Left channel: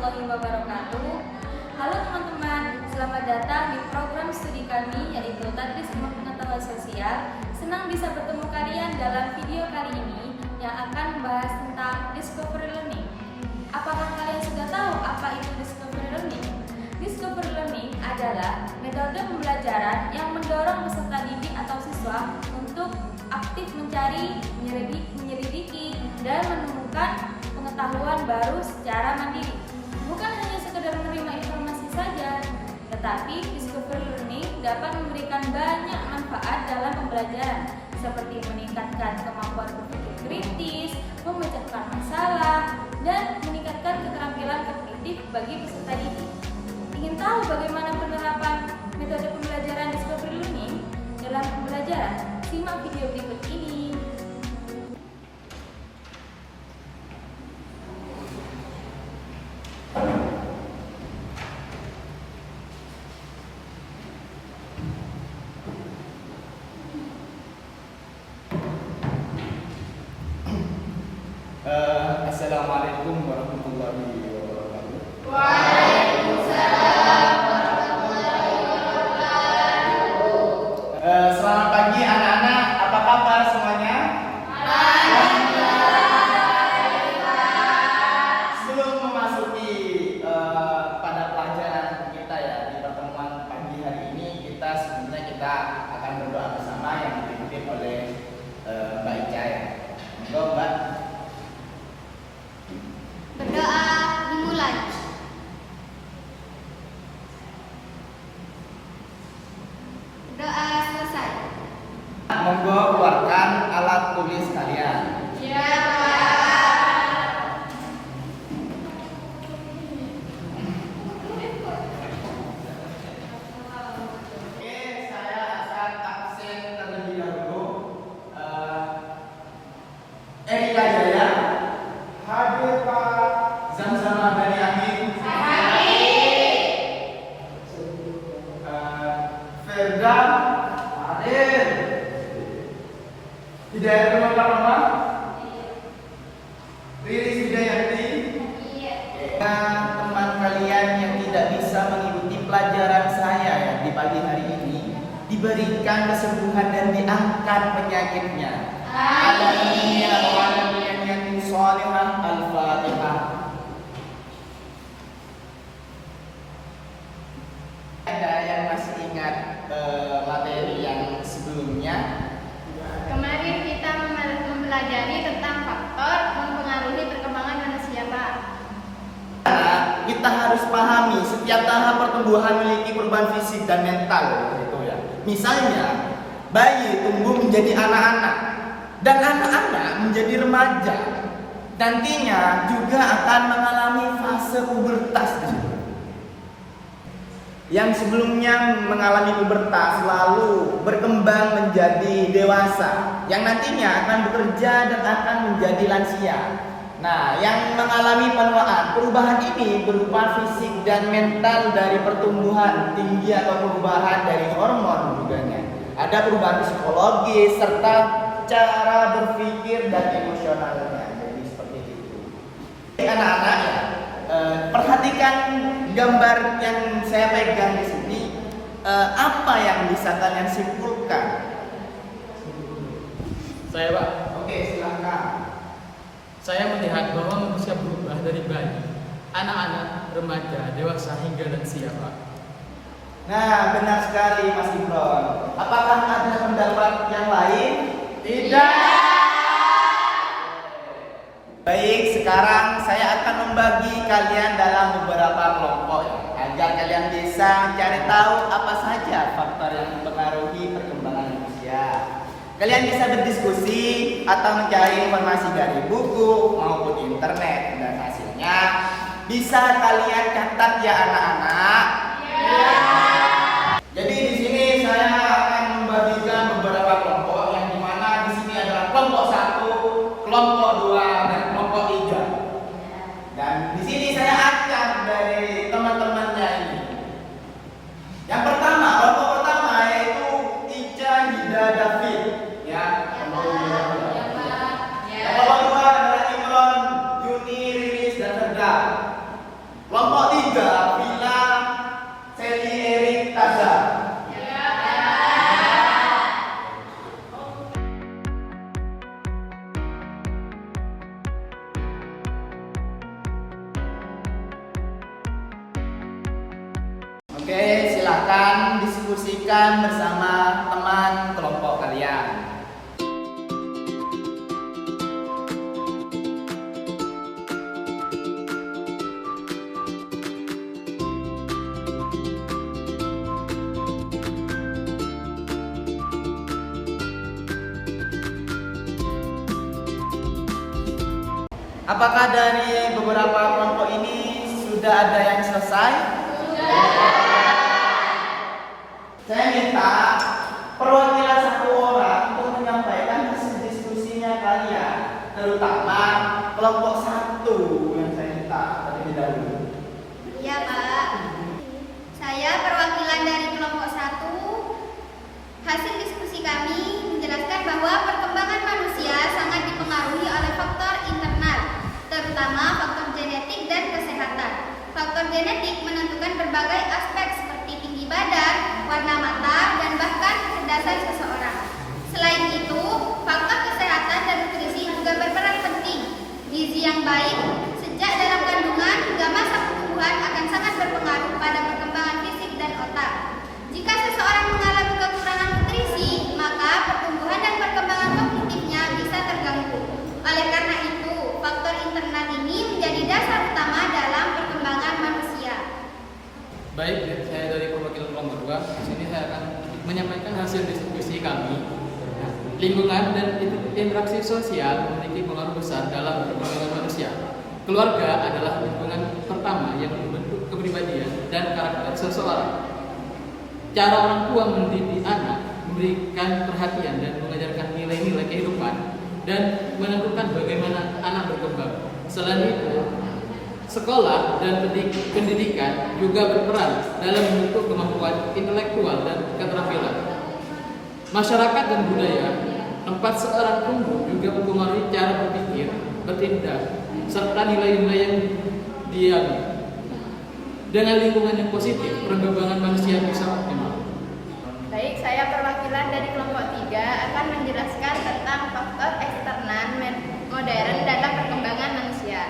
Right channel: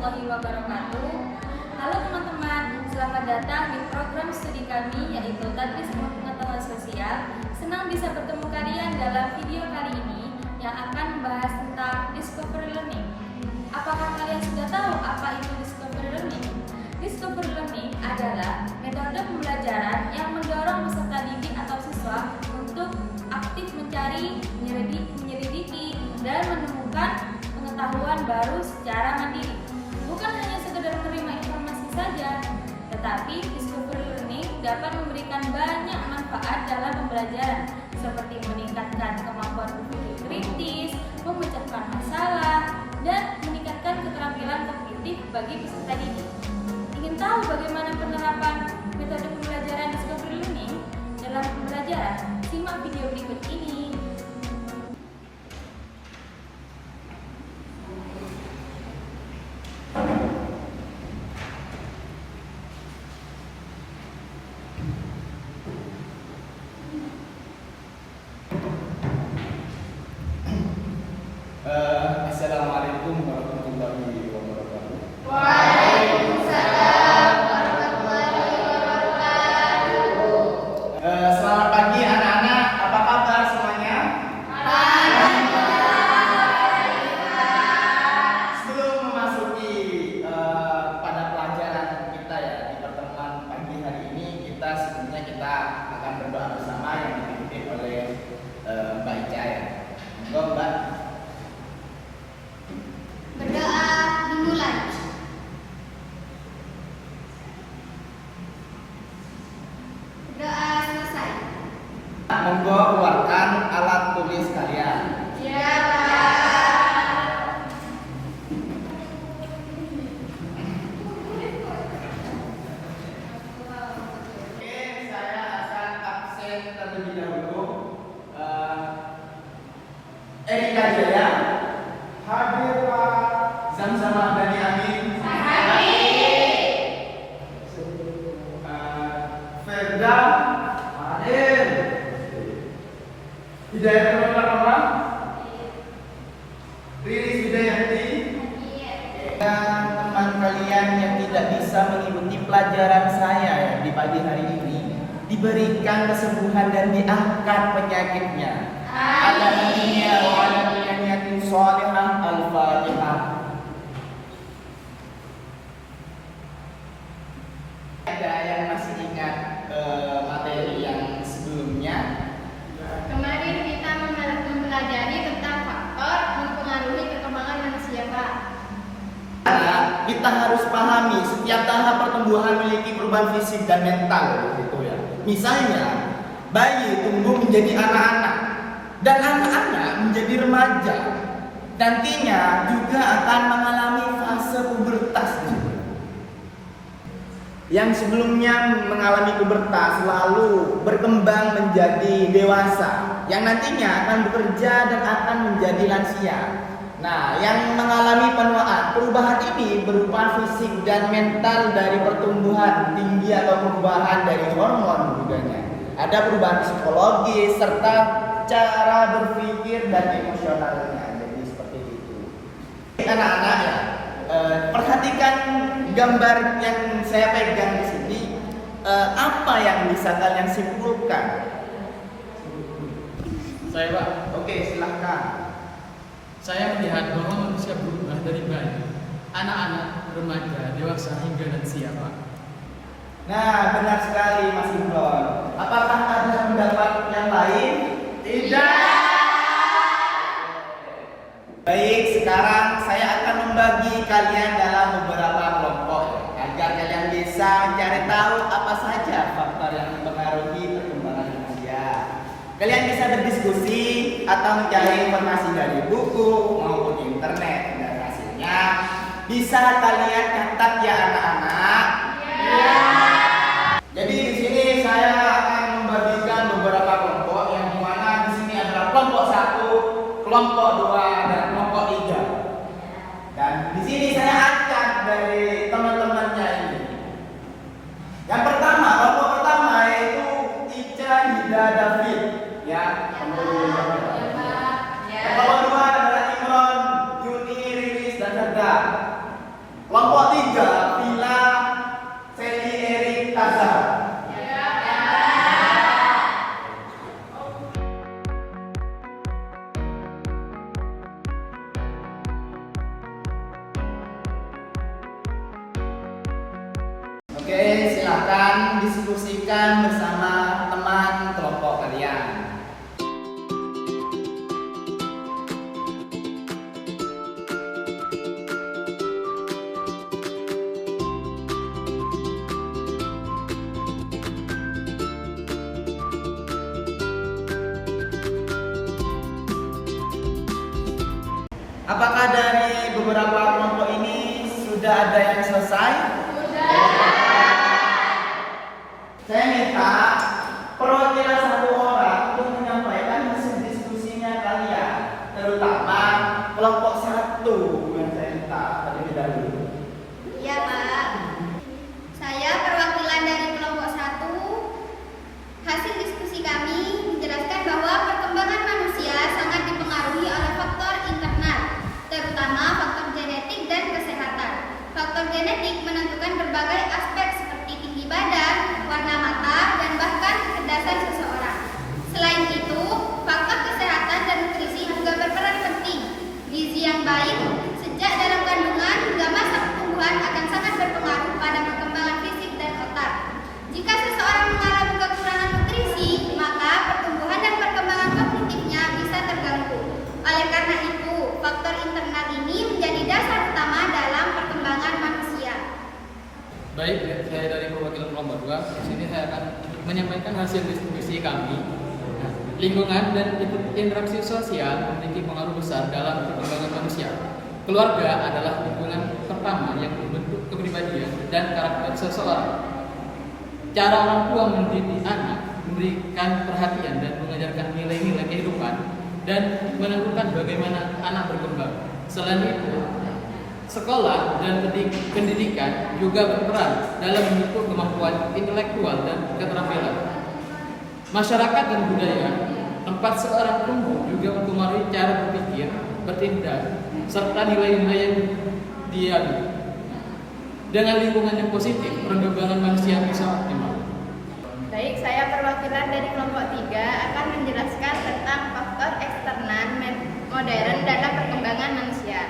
warahmatullahi wabarakatuh. Halo teman-teman, selamat datang di program studi kami yaitu Tadris Ilmu Pengetahuan Sosial. Senang bisa bertemu kalian dalam video kali ini yang akan membahas tentang discovery learning. Apakah kalian sudah tahu apa itu discovery learning? Discovery learning adalah metode pembelajaran yang mendorong peserta didik atau siswa untuk aktif mencari, menyelidiki, dan menemukan pengetahuan baru secara mandiri. Bukan hanya sekedar menerima informasi saja, tetapi discovery learning dapat memberikan banyak manfaat dalam pembelajaran, seperti meningkatkan kemampuan berpikir kritis, memecahkan masalah, dan meningkatkan keterampilan kognitif bagi peserta didik. Ingin tahu bagaimana penerapan metode pembelajaran discovery learning dalam pembelajaran? Simak video berikut ini. Assalamualaikum warahmatullahi wabarakatuh. Waalaikumsalam warahmatullahi wabarakatuh. Selamat pagi anak-anak, apa kabar semuanya? Sebelum memasuki pada pelajaran kita ya di pertemuan pagi hari ini, kita akan berdoa bersama yang dipimpin oleh Mbak Ica ya. Monggo Mbak. Berdoa dimulai. Berdoa selesai. Monggo keluarkan alat tulis kalian. Ya, Pak. Oke, saya akan absen terlebih dahulu. Erika Jaya, hadir Pak. Zamzam Dani Amin, Ferda, hadir. Hidayat Kemal, Riris Hidayati, dan teman kalian yang tidak bisa mengikuti pelajaran saya ya di pagi hari ini diberikan kesembuhan dan diangkat penyakitnya. Ala dunia wa ala niyatin shalihah. Al-Fatihah. Ada yang masih ingat materi yang sebelumnya? Kemarin kita mempelajari tentang faktor mempengaruhi perkembangan manusia, Pak. Kita harus pahami setiap tahap pertumbuhan memiliki perubahan fisik dan mental gitu ya. Misalnya bayi tumbuh menjadi anak-anak dan anak-anak menjadi remaja. Nantinya juga akan mengalami fase pubertas. Yang sebelumnya mengalami pubertas lalu berkembang menjadi dewasa, yang nantinya akan bekerja dan akan menjadi lansia. Nah, yang mengalami penuaan, perubahan ini berupa fisik dan mental dari pertumbuhan tinggi atau perubahan dari hormon juganya. Ada perubahan psikologis serta cara berpikir dan emosionalnya. Jadi seperti itu. Anak-anak ya, perhatikan gambar yang saya pegang di sini. Apa yang bisa kalian simpulkan? Saya Pak, Oke, silakan. saya melihat bahwa manusia berubah dari bayi, anak-anak, remaja, dewasa hingga lansia Pak. Nah, benar sekali Mas Imron. Apakah ada pendapat yang lain? Tidak. Baik, sekarang saya akan membagi kalian dalam beberapa kelompok ya, agar kalian bisa mencari tahu apa saja faktor yang mempengaruhi perkembangan manusia. Kalian bisa berdiskusi atau mencari informasi dari buku maupun internet, dan hasilnya bisa kalian catat ya anak-anak. Ya. Jadi di sini saya akan membagikan beberapa kelompok yang dimana di sini adalah kelompok 1, kelompok 2, dan kelompok 3. Dan di sini saya acak dari teman-temannya ini. Yang pertama, kelompok pertama yaitu Ica Hida David, ya. Yang kelompok 2 adalah Imron, Yuni, Rilis, dan Ferda. Oke, silakan diskusikan bersama teman kelompok kalian. Apakah dari beberapa kelompok ini sudah ada yang selesai? Saya minta perwakilan satu orang untuk menyampaikan hasil diskusinya kalian, terutama kelompok satu yang saya minta terlebih dahulu. Iya, Pak. Saya perwakilan dari kelompok 1. Hasil diskusi kami menjelaskan bahwa perkembangan manusia sangat dipengaruhi oleh faktor internal, terutama faktor genetik dan kesehatan. Faktor genetik menentukan berbagai aspek seperti tinggi badan, warna mata, dan bahkan kecerdasan seseorang. Selain itu, faktor kesehatan dan nutrisi juga berperan penting. Gizi yang baik sejak dalam kandungan hingga masa pertumbuhan akan sangat berpengaruh pada perkembangan fisik dan otak. Jika seseorang mengalami kekurangan nutrisi, maka pertumbuhan dan perkembangan kognitifnya bisa terganggu. Oleh karena itu, faktor internal ini menjadi dasar utama dalam perkembangan manusia. Baik, saya dari perwakilan kelompok 2. Di sini saya akan menyampaikan hasil diskusi kami. Nah, lingkungan dan interaksi sosial memiliki pengaruh besar dalam perkembangan manusia. Keluarga adalah lingkungan pertama yang membentuk kepribadian dan karakter seseorang. Cara orang tua mendidik anak, memberikan perhatian dan mengajarkan nilai-nilai kehidupan dan menentukan bagaimana anak berkembang. Selain itu, sekolah dan pendidikan juga berperan dalam membentuk kemampuan intelektual dan keterampilan. Masyarakat dan budaya tempat seorang tumbuh juga mempengaruhi cara berpikir, bertindak, serta nilai-nilai yang dianut. Dengan lingkungan yang positif, perkembangan manusia bisa optimal. Baik, saya perwakilan dari kelompok 3 akan menjelaskan tentang faktor eksternal modern dalam perkembangan manusia.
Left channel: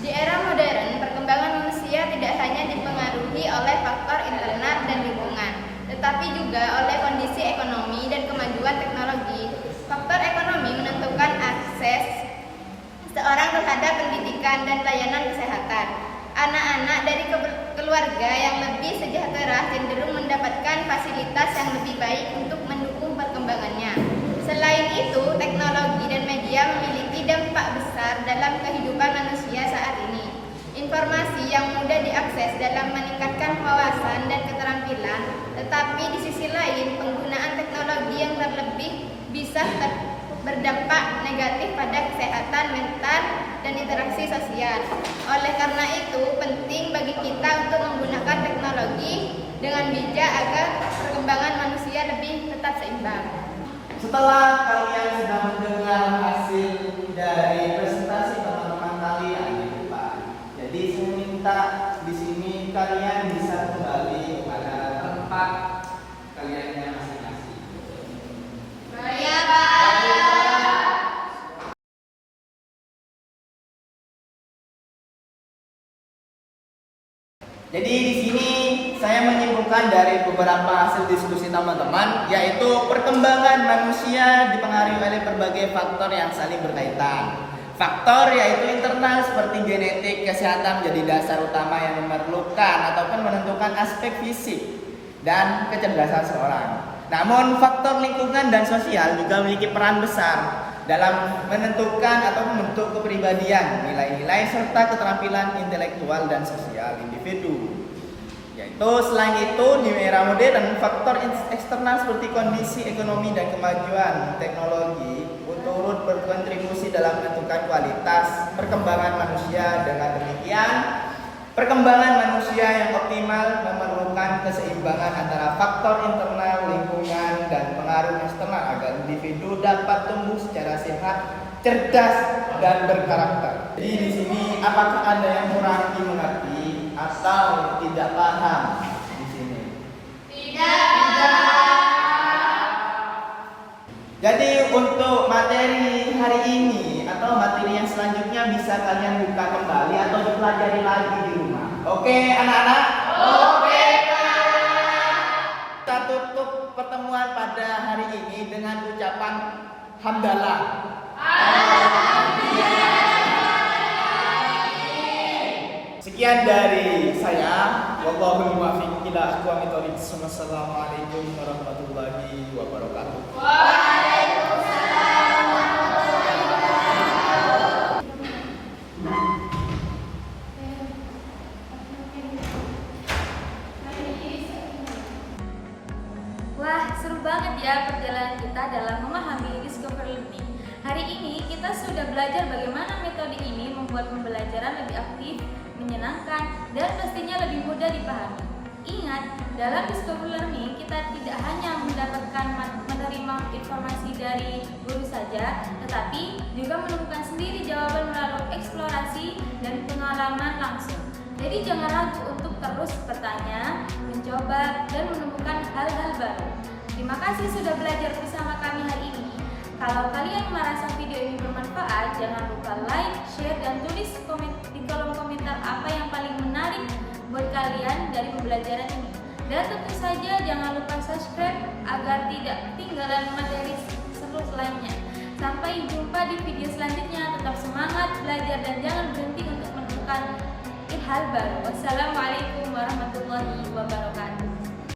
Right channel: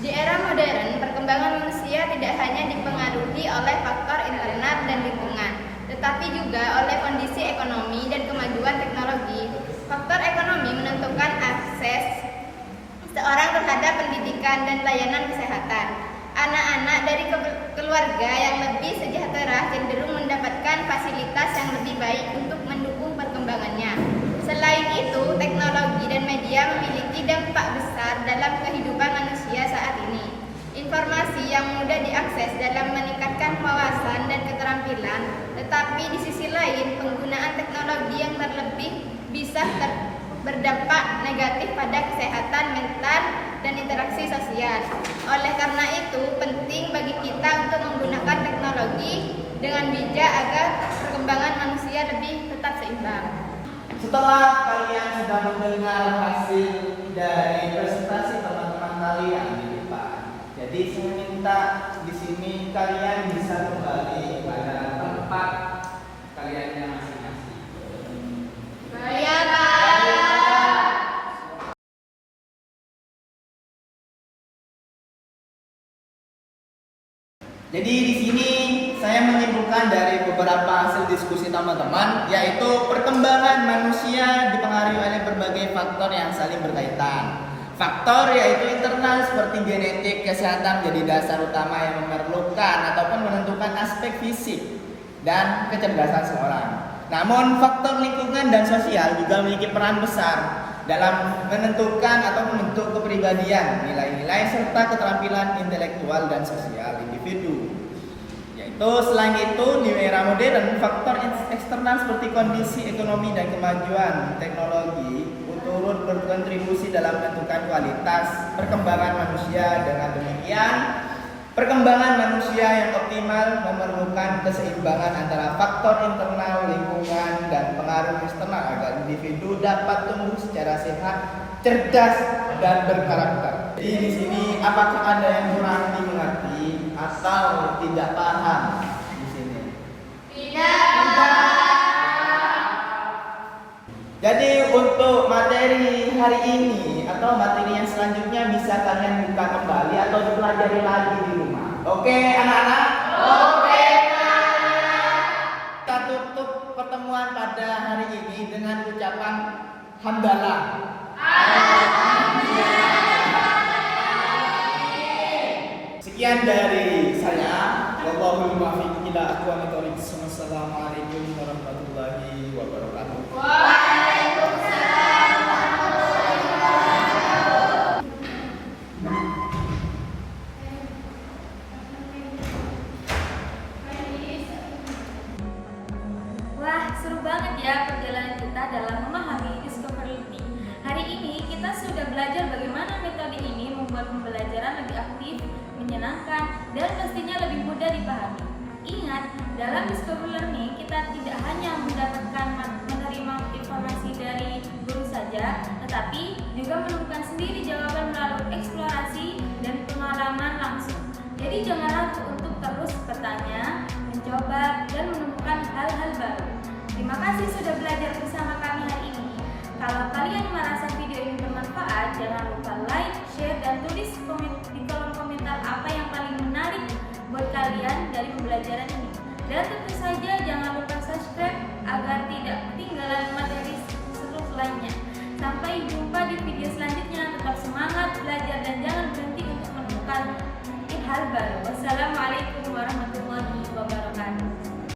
Di era modern, perkembangan manusia tidak hanya dipengaruhi oleh faktor internal dan lingkungan, tetapi juga oleh kondisi ekonomi dan kemajuan teknologi. Faktor ekonomi menentukan akses seorang terhadap pendidikan dan layanan kesehatan. Anak-anak dari keluarga yang lebih sejahtera cenderung mendapatkan fasilitas yang lebih baik untuk mendukung perkembangannya. Selain itu, teknologi dan media memiliki dampak besar dalam kehidupan manusia saat ini. Informasi yang mudah diakses dalam meningkatkan wawasan dan keterampilan, tetapi di sisi lain penggunaan teknologi yang terlebih bisa berdampak negatif pada kesehatan mental dan interaksi sosial. Oleh karena itu, penting bagi kita untuk menggunakan teknologi dengan bijak agar perkembangan manusia lebih tetap seimbang. Setelah kalian sudah mendengar hasil dari presentasi teman-teman kalian di depan, jadi saya minta di sini kalian bisa kembali pada tempat kalian yang masing-masing. Baik, Pak. Jadi di sini saya menyimpulkan dari beberapa hasil diskusi teman-teman, yaitu perkembangan manusia dipengaruhi oleh berbagai faktor yang saling berkaitan. Faktor yaitu internal seperti genetik, kesehatan menjadi dasar utama yang memerlukan ataupun menentukan aspek fisik dan kecerdasan seorang. Namun faktor lingkungan dan sosial juga memiliki peran besar dalam menentukan atau membentuk kepribadian, nilai-nilai serta keterampilan intelektual dan sosial individu. Yaitu selain itu, di era modern, faktor eksternal seperti kondisi ekonomi dan kemajuan teknologi turut berkontribusi dalam menentukan kualitas perkembangan manusia. Dengan demikian, perkembangan manusia yang optimal memerlukan keseimbangan antara faktor internal, lingkungan, dan pengaruh eksternal agar individu dapat tumbuh secara sehat, cerdas, dan berkarakter. Jadi di sini apakah ada yang kurang dimengerti atau tidak paham di sini? Tidak. Jadi untuk materi hari ini atau materi yang selanjutnya bisa kalian buka kembali atau dipelajari lagi di rumah. Oke anak-anak? Oke. tutup pertemuan pada hari ini dengan ucapan hamdalah. Sekian dari saya. Wallahul muwaffiq ila aqwamit thoriq. Wassalamualaikum warahmatullahi wabarakatuh. Wah, seru banget ya perjalanan kita dalam memahami Discover Learning. Hari ini kita sudah belajar bagaimana metode ini membuat pembelajaran lebih aktif, menyenangkan, dan pastinya lebih mudah dipahami. Ingat, dalam Discover Learning kita tidak hanya mendapatkan menerima informasi dari guru saja, tetapi juga menemukan sendiri jawaban melalui eksplorasi dan pengalaman langsung. Jadi jangan ragu untuk terus bertanya, mencoba, dan menemukan hal-hal baru. Terima kasih sudah belajar bersama kami hari ini. Kalau kalian merasa video ini bermanfaat, jangan lupa like, share, dan tulis di kolom komentar apa yang paling menarik buat kalian dari pembelajaran ini. Dan tentu saja jangan lupa subscribe agar tidak ketinggalan materi seru lainnya. Sampai jumpa di video selanjutnya. Tetap semangat belajar dan jangan berhenti untuk menemukan hal baru. Wassalamualaikum warahmatullahi wabarakatuh.